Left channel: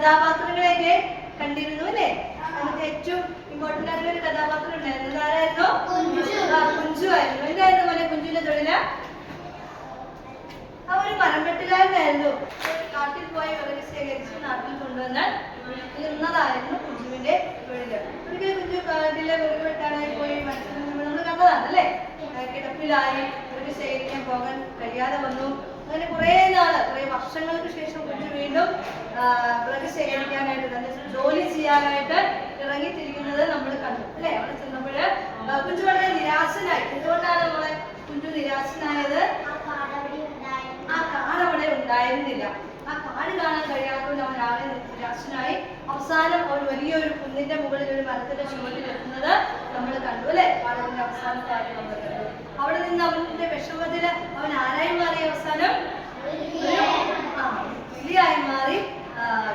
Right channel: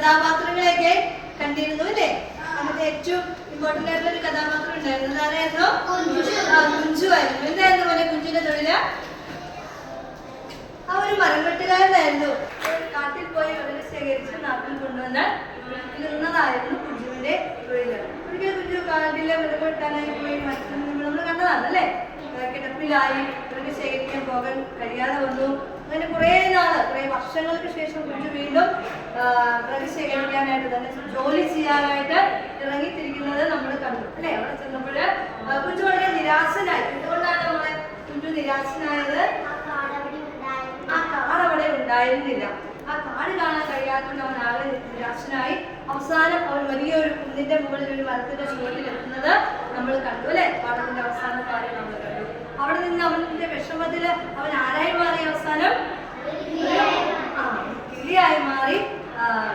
കഥാപാത്രങ്ങളെയൊക്കെ കണ്ടിരുന്നു അല്ലേ? നമുക്ക് ഏറ്റവും ഇമ്പോർട്ടന്റ് ആയിട്ടുള്ള ഒരു കഥാപാത്രം ഉണ്ടായിരുന്നു. ആരായിരുന്നു? കുഞ്ചു ആയിരുന്നു. എന്തായിരുന്നു പോലെ കുഞ്ചുവിന്റെ തൊഴില്? ആ ഒരു മരം വെട്ടുകാരനായിരുന്നു. കാട്ടിൽ പോയി വിറക് ശേഖരിച്ച് നാട്ടിൽ കൊണ്ടുവന്ന് വിൽക്കുന്നതായിരുന്നു കുഞ്ചുവിന്റെ തൊഴില്. ഒരിക്കൽ കുഞ്ചു കാട്ടിലെ വിറക് വെട്ടാനായി പോയി നമ്മൾ കണ്ടതാണ് അല്ലേ? കിടപ്പിലായി, വിറക് ശേഖരിക്കാൻ പോകാൻ കഴിയാതെ വന്നു. അങ്ങനെ കുറേ വർഷങ്ങൾക്ക് ശേഷം കുഞ്ചു വീണ്ടും വിറക് ശേഖരിക്കാനായിട്ട് തന്നെ ജോലി ചെയ്യാനായിട്ട് ഇറങ്ങിത്തിരിക്കുന്നത് നമ്മൾ കണ്ടു അല്ലേ? അവിടെ ചെന്നപ്പോൾ കുഞ്ചു വളരെ നിരാശനായി. എന്തുകൊണ്ടാണ് നമ്മളെ കുഞ്ചു നിരാശനായത്? ആ കാട് അവിടെ ഉണ്ടായിരുന്നില്ല. ആ കാട് കാണാൻ കഴിയാത്തതുകൊണ്ട് അവൻ ആകെ നിരാശനായി. അവസാനം ഒരു വലിയൊരു കുന്നിന്റെ മുകളിൽ ഒരു മരത്തിന്റെ ചുവട്ടിൽ എത്തുന്നത് നമ്മൾ കണ്ടു അല്ലെ? പാഠത്തിന്റെ അവസാന കാര്യം നമ്മൾ കണ്ടു. അവിടെ നിന്ന് അവന്റെ വിഷമത്തില് അവൻ ആരായി മാറി? അവസാനം കിളിയായി മാറി.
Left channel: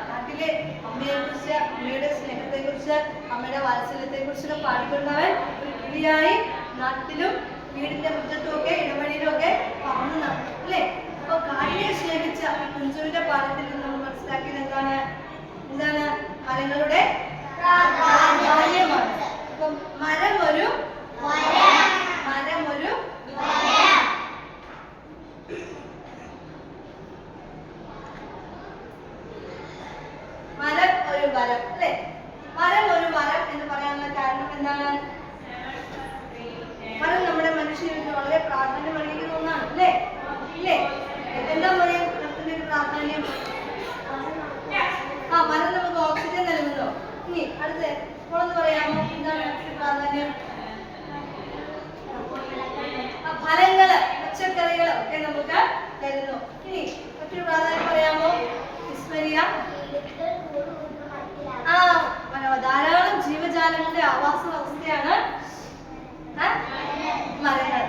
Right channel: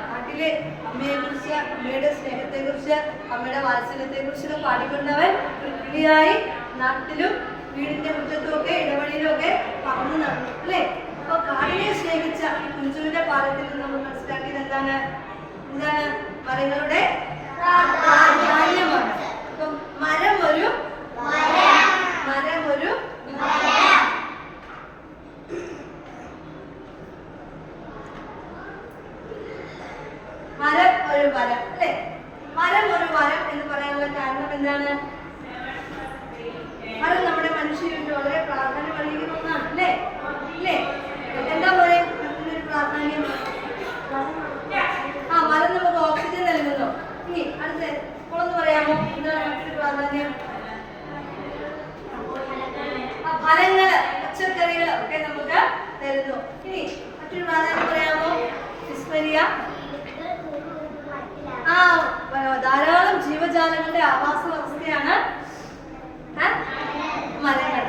കാട്ടിലെ അമ്മയെ കുറിച്ച്, അമ്മയുടെ സ്നേഹത്തെ കുറിച്ച്, അമ്മയുടെ വാത്സല്യത്തെ കുറിച്ചൊക്കെ പാടിക്കൊണ്ടവൻ ഒരു കിളിയായി നാട്ടിലും വീടിന്റെ മുറ്റത്തും ഒക്കെ ഇടവഴിയിലും ഒക്കെ പറന്നു നടന്നു അല്ലേ? അപ്പൊ കാടിനെ സ്നേഹിച്ച ഈ കുഞ്ചുവിന്റെ പാഠത്തിൽ നിന്ന് നമ്മൾ മനസ്സിലാക്കിയത് എന്താണ്? മരങ്ങളുടെ പ്രാധാന്യമാണ്. അപ്പം മരം ഒരു വരം അല്ലെ? മരം ഒരു വരം എന്ന് പറയാനുള്ള കാരണം എന്താണ്? മരം നമ്മുടെ മനുഷ്യർക്ക് വളരെ പ്രാധാന്യം അർഹിക്കുന്ന ഒന്നാണ് അല്ലേ? ഇല്ലേ? എന്താ പോലെ മരത്തിന്റെ ഒരു പ്രാധാന്യം? മരം നമുക്ക് ഓക്സിജൻ നൽകുന്നു. ഇനി അടുത്ത ഒന്ന് പറയാമോ? എന്താണ് മറ്റൊരു പ്രാധാന്യം? ഫലങ്ങള്, പച്ചക്കറികള് ഒക്കെ നമുക്ക് തരുന്നു. ഇനി മറ്റൊരു പ്രാധാന്യം പറയാമോ? വിസ്മരിയ. ധാരാളം ജീവജാലങ്ങളുടെ ആവാസ വ്യവസ്ഥയാണ് മരങ്ങൾ.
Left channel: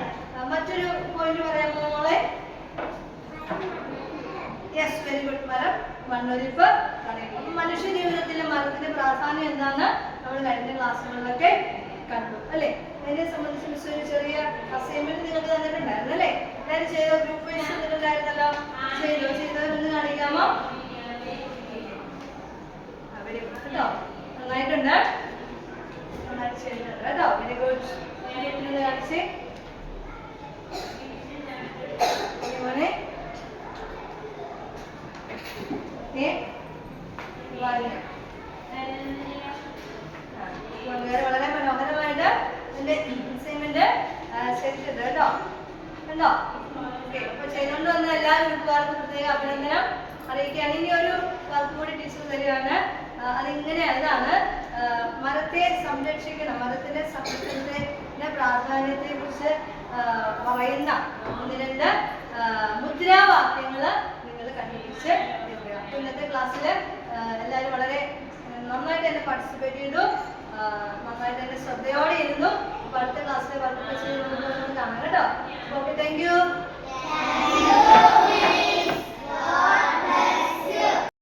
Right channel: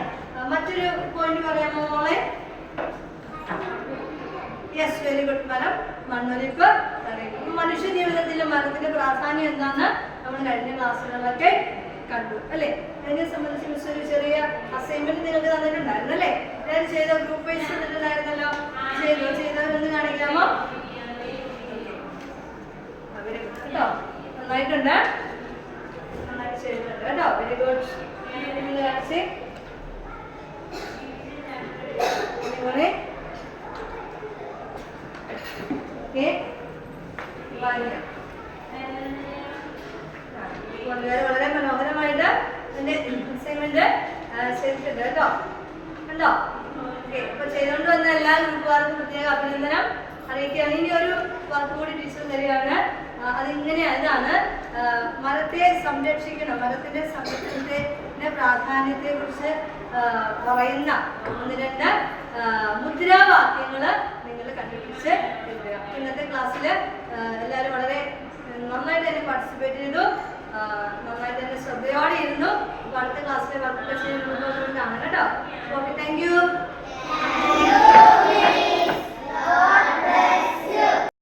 മറ്റൊരു പോയിന്റ് പറയാമോ മോളെ? Yes, very good. മരം മണ്ണൊലിപ്പ് തടയുന്നു. മനുഷ്യ ജീവിതത്തിലെ മരത്തിന്റെ പ്രാധാന്യം എന്താണെന്ന് നമ്മൾ കഴിഞ്ഞ ക്ലാസ്സുകളിലൊക്കെ കണ്ടു അല്ലേ? അതിനെ സംബന്ധിച്ച് ഒരു ചെറിയ അസൈൻമെന്റ് നിങ്ങൾക്ക് തന്നിട്ടുണ്ടായിരുന്നു അല്ലേ? എല്ലാവരും ചെയ്ത ഗ്രൂപ്പ് വൈസ് തന്നിട്ടുണ്ടായിരുന്നല്ലോ. ചെയ്തവരൊന്ന് കാണിക്കാമോ? കേട്ടോ, നന്നായിട്ടുണ്ട്, നന്നായിട്ട് ചെയ്തിട്ടുണ്ട് കേട്ടോ. Very good. കാണിച്ചേ വളരെ മനോഹരമായിട്ട് ഇതിന്റെ അസൈൻമെന്റ് ചെയ്തിട്ടുണ്ട് കേട്ടോ. കണ്ടോ? ഓക്കെ, അപ്പൊ ചെയ്തുകൊണ്ട് വന്ന എല്ലാ ഗ്രൂപ്പുകാർക്കും പ്രത്യേക അഭിനന്ദനം അറിയിക്കുകയാണ്. ഇനി ഒരു വർക്ക് കൂടി ടീച്ചർ തരികയാണ്. ഇതാണ് മരത്തെ സംരക്ഷിക്കണം, മരത്തിന്റെ സംരക്ഷണത്തിന്റെ പ്രാധാന്യത്തെ കുറിച്ച് പറയുന്ന 1-2 മുദ്രാവാക്യങ്ങൾ നിങ്ങൾ കണ്ടുപിടിച്ച് എഴുതുക. ഇന്നത്തെ ക്ലാസ്സിൽ എല്ലാവരും വളരെ നന്നായിട്ട് തന്നെ പാർട്ടിസിപ്പേറ്റ് ചെയ്തു, നന്നായിട്ട് തന്നെ ശ്രദ്ധയോടെ ഇരുന്നു. അപ്പോൾ അടുത്ത ക്ലാസ്സിലെ വർക്ക് കാണാം കേട്ടോ. Okay, thank you.